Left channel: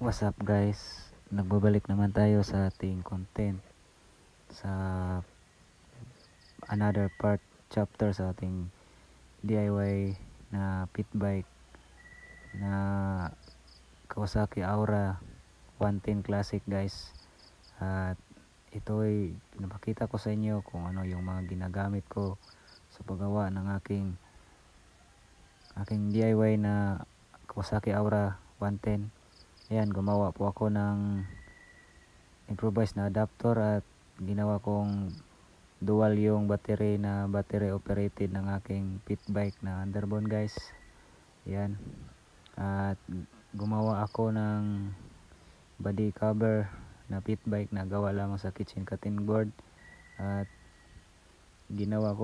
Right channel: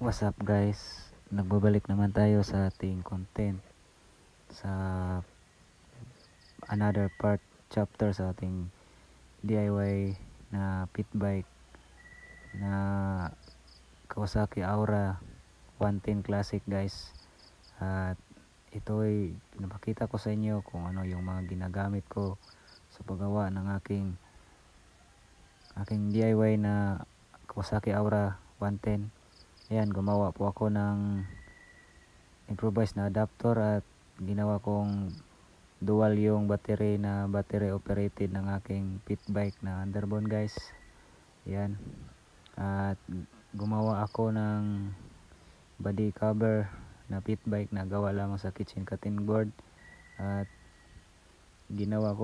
What's up guys? Nagbabalik naman tayo sa ating content sa another part chapter sa ating DIY na pit bike na Kawasaki Aura 110 Classic guys. At ito ay napakita ko sa inyo kung ano yung mga ginagamit ko sa paggawa ng aking DIY na Kawasaki Aura 110. Ayan, gumawa po ako ng improvised na adapter at ginawa kong dual yung battery operated ng aking pit bike na Underbone guys. Ayan, at gumawa ako ng body cover na pit bike na gawa lamang sa kitchen cutting board. At ginamit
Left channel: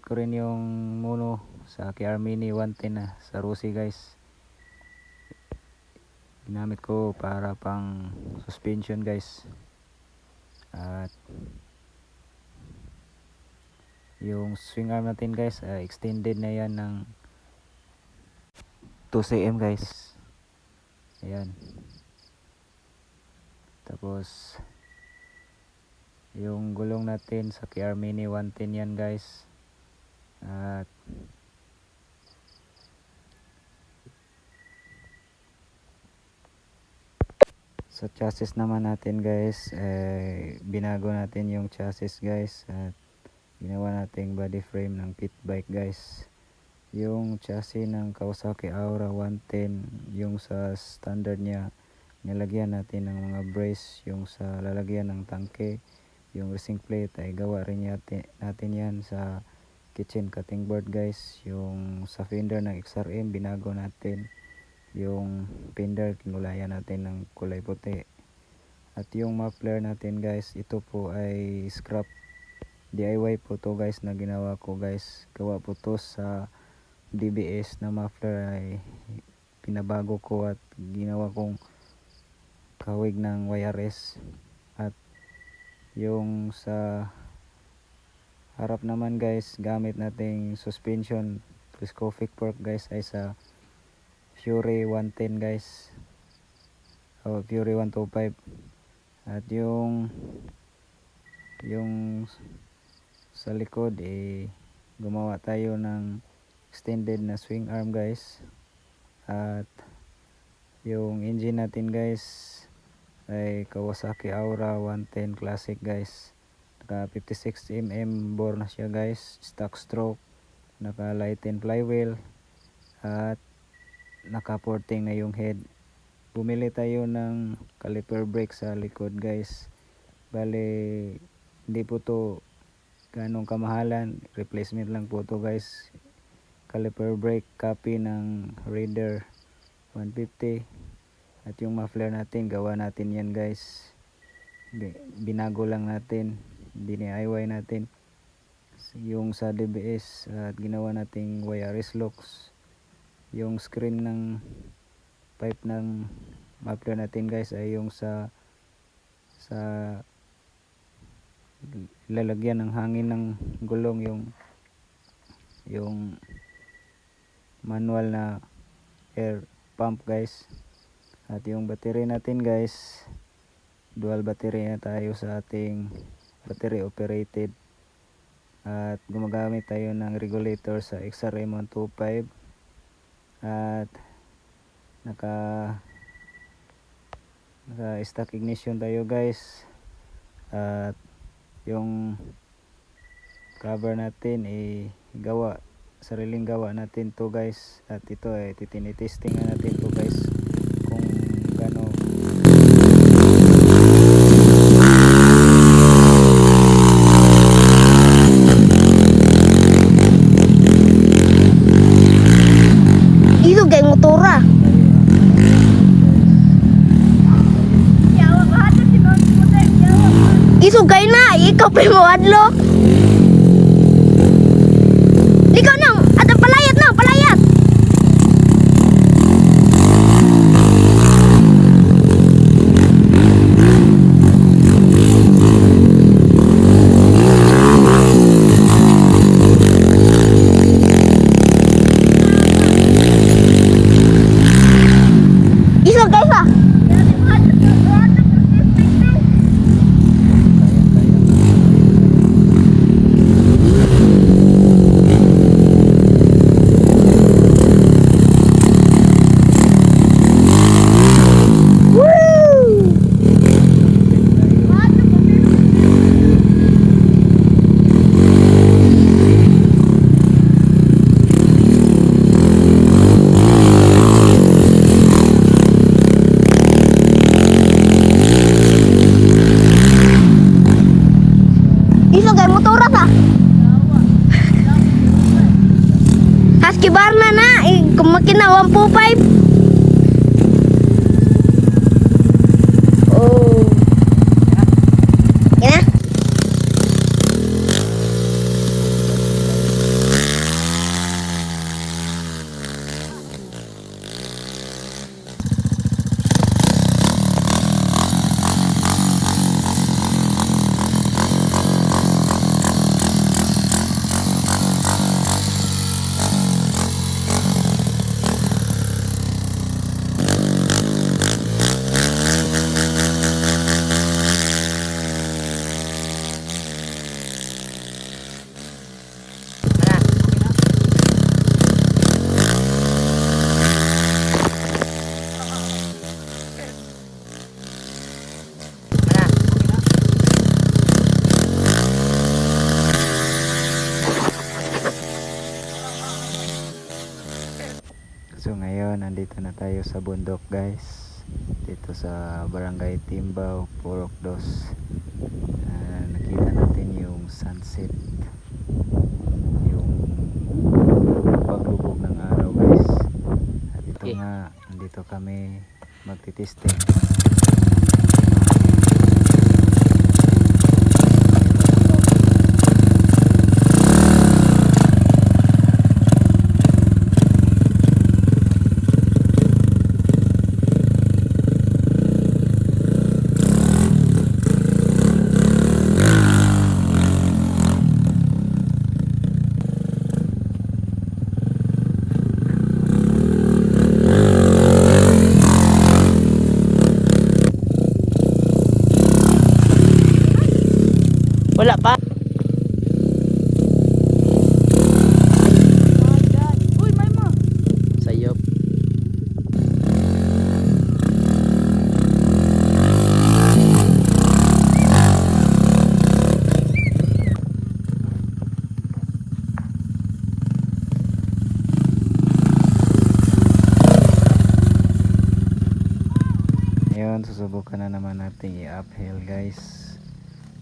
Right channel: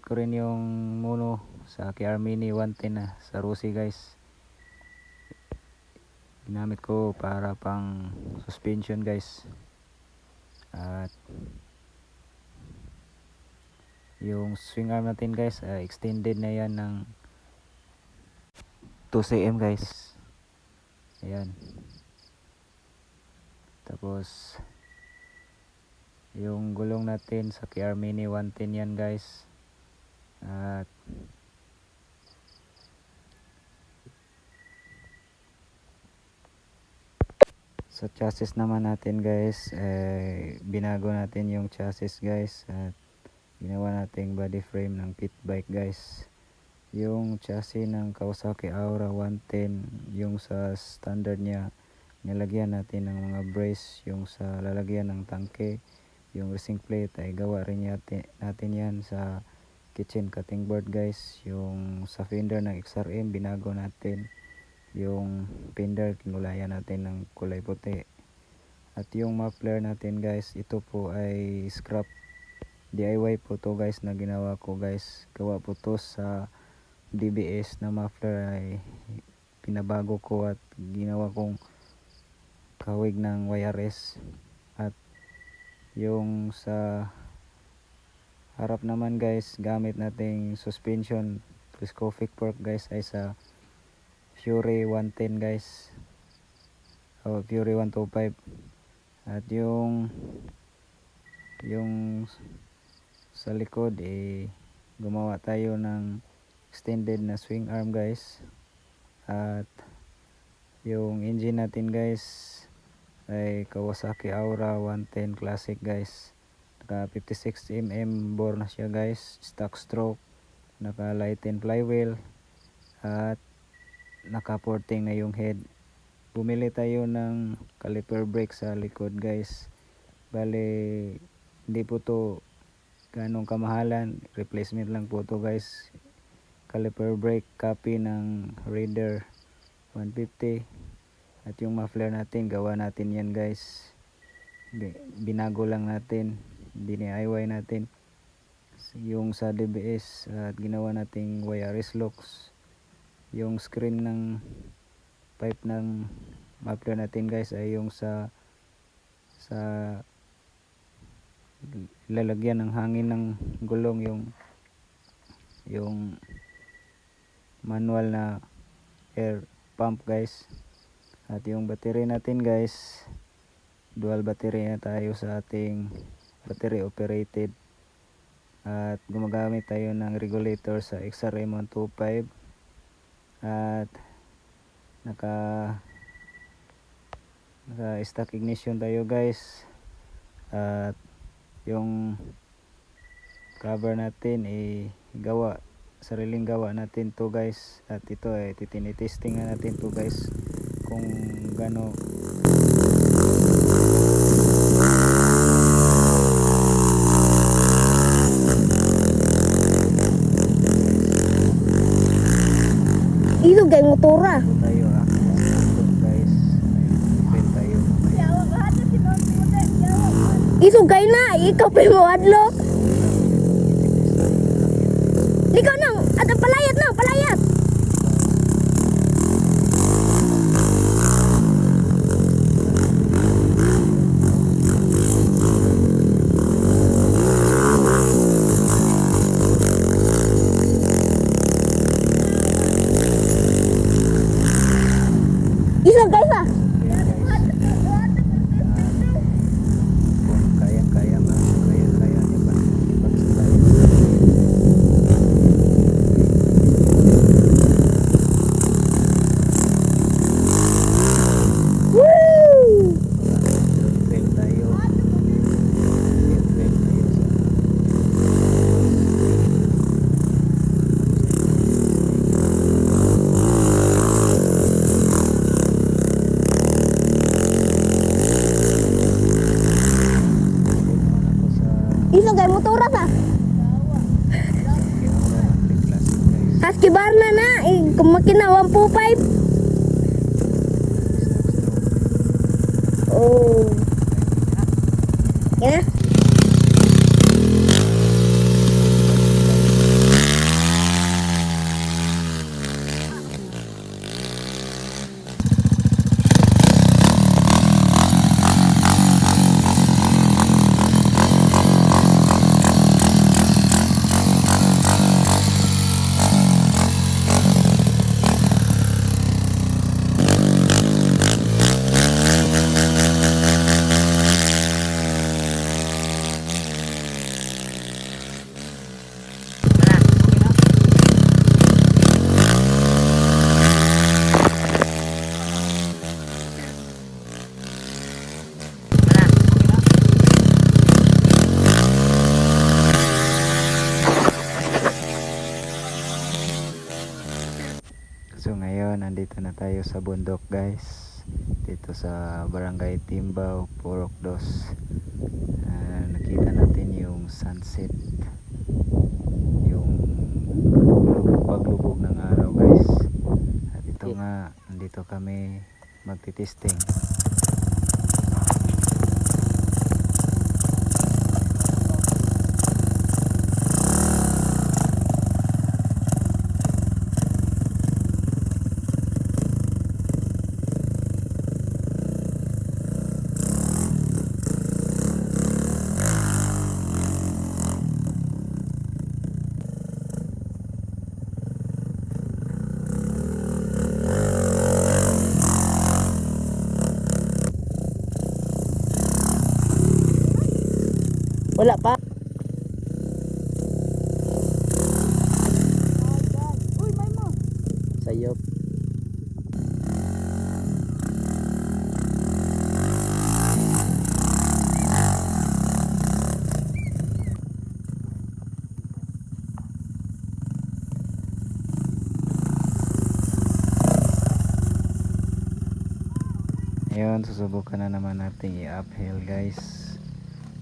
ko rin yung mono sa KR Mini 110 na sa Rusi guys. Ginamit ko para pang suspension guys. At yung swing arm natin guys, extended na yan ng 2 cm guys. Ayan. Tapos yung gulong natin sa KR Mini 110 yan guys. At sa chassis naman natin guys, binago natin yung chassis guys at ginawa nating body frame ng pit bike guys. Yung chassis ng Kawasaki Aura 110, yung sa standard niya, nilagyan natin ng mga brace. Yung sa lalagyan ng tangke, yung racing plate ay gawa rin natin yan sa kitchen cutting board guys. Yung sa fender ng XRM, binago natin. Yung fender, kinulayan natin ng kulay puti. At yung muffler natin guys, ito po ay scrap DIY po to guys na ginawa ko guys. Gawa po to sa DBS na muffler, ay pinabago ko at ginawa kong kawig ng YRS. At yung sa harap naman guys, gamit nating suspension telescopic fork guys ay sa Fury 110 guys, o Fury 125. At yung sa likod gumawa tayo ng extended na swing arm guys. At yung engine natin guys ay Kawasaki Aura 110 Classic guys. Naka 56mm bore na siya guys, stock stroke, naka lighten flywheel at naka porting na yung head. Bumili tayo ng caliper brake sa likod guys. Bale, hindi po to ganong kamahalan, replacement lang po to guys. Caliper brake copy ng Raider 150. At yung muffler natin, gawa natin yan guys. Binago lang natin, DIY natin yung sa DBS. At ginawa nating YRS locks. Yung screen ng pipe ng muffler natin guys ay yung sa lalagyan ng hangin ng gulong, yung manual na air pump guys. At yung battery natin guys, dual battery na tayo sa ating battery operated. At gumagamit tayo ng regulator sa XRM 125. At naka stock ignition tayo guys. At yung cover natin sariling gawa natin to guys. At ito ay tinitesting natin to guys kung gaano So ngayon nandito na tayo sa bundok guys, dito sa Barangay Timbao, Purok Dos. Nakita natin yung sunset, yung paglubog ng araw guys. At ito nga, nandito kami magtitesting. Wala pa. Uy, may mo. Sayop. Ngayon susubukan na naman natin i-uphill guys,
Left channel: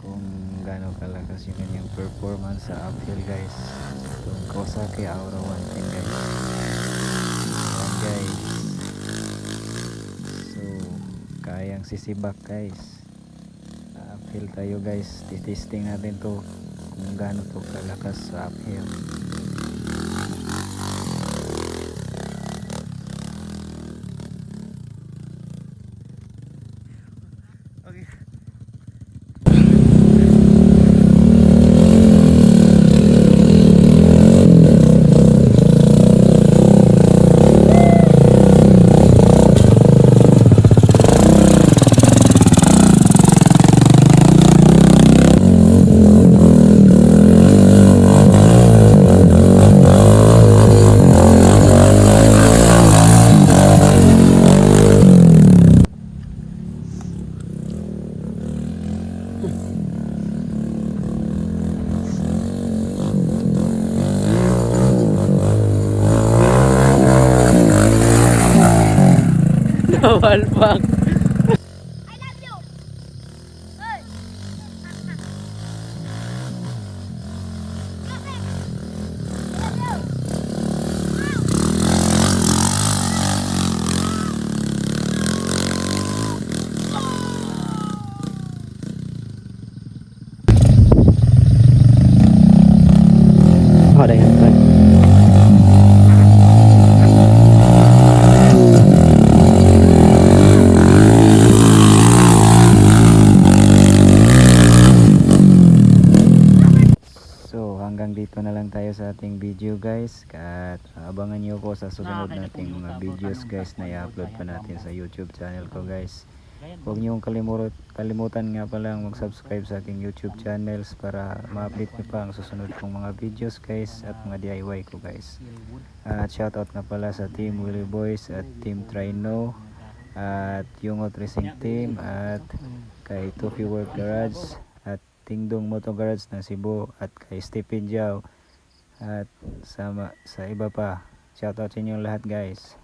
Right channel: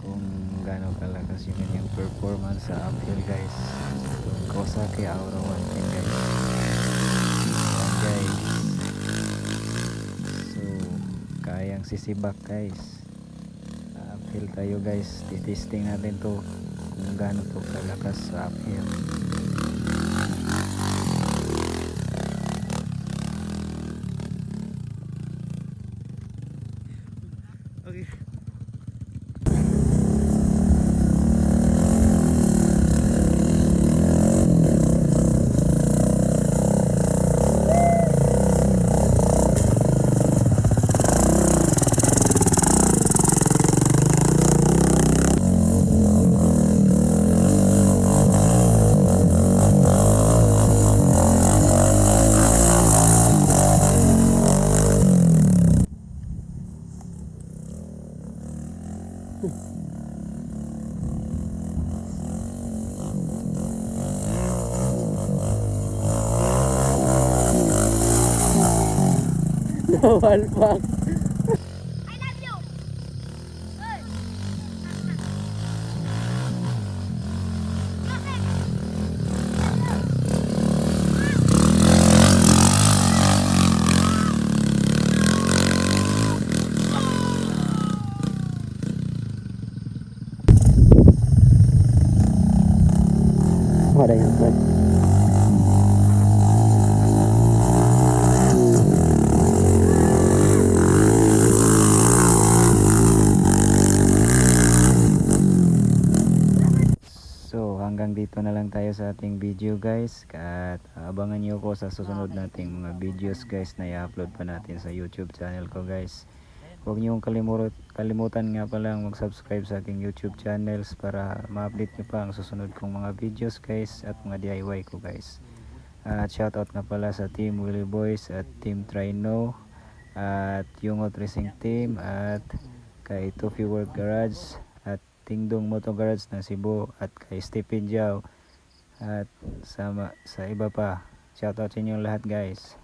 kung gaano kalakas yung kanyang performance sa uphill guys. Itong Kawasaki Aura 110 guys. Ayan guys, so kayang sisibak guys. Uphill tayo guys, titesting natin to kung gaano to kalakas sa uphill. Bawal pa. So hanggang dito na lang tayo sa ating video guys, at abangan nyo ko sa susunod nating mga videos guys na i-upload pa natin sa YouTube channel ko guys. Huwag nyo kalimutan nga palang mag-subscribe sa aking YouTube channels para ma-update nyo pa ang susunod kong mga videos guys at mga DIY ko guys. At shoutout nga pala sa Team Willy Boys at Team Trino at Yungot Racing Team at kay Tufi World Garage at Tingdong Moto Garage ng Cebu at kay Stephen Giao at sa iba pa. Shoutout sa inyong lahat guys.